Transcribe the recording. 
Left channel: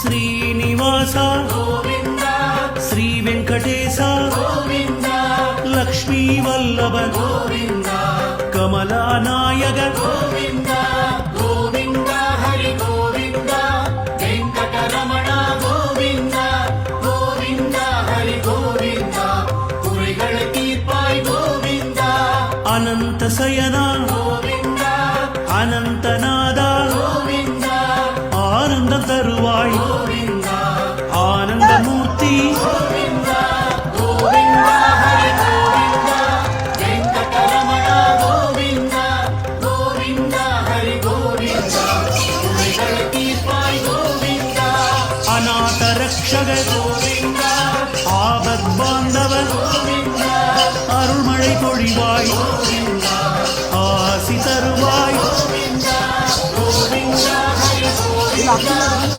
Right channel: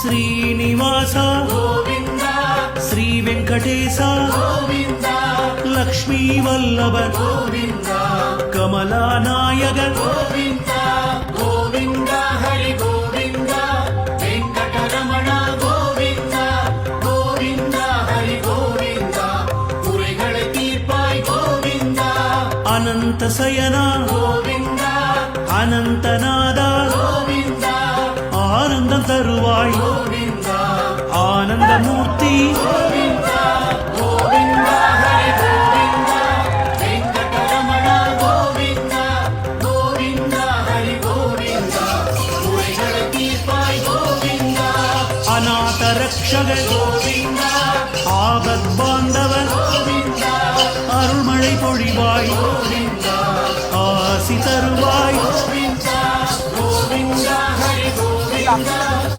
శ్రీనివాస గోవింద శ్రీ వెంకటేశ గోవింద లక్ష్మీ వల్లభ గోవింద కమలానాయక గోవింద గోవింద హరి గోవింద వెంకటరమణ గోవింద గోవింద హరి గోవింద குறைகளை தீர்ப்பாய் கோவிந்த అనంత శయన கோவிந்த అనంతనాద கோவிந்த ఆనందం తరువాయ్ கோவிந்த ఆనందమూర్తి கோவிந்த கோவிந்த ஹரி கோவிந்த வெங்கடரமண கோவிந்த கோவிந்த ஹரி கோவிந்த குறைகளை தீர்ப்பாய் கோவிந்த అనాథ రక్షక கோவிந்த ஆபத் பாந்தவ கோவிந்த அருள்மழை பொழிவாய் கோவிந்த ஆசி தருவாய் கோவிந்த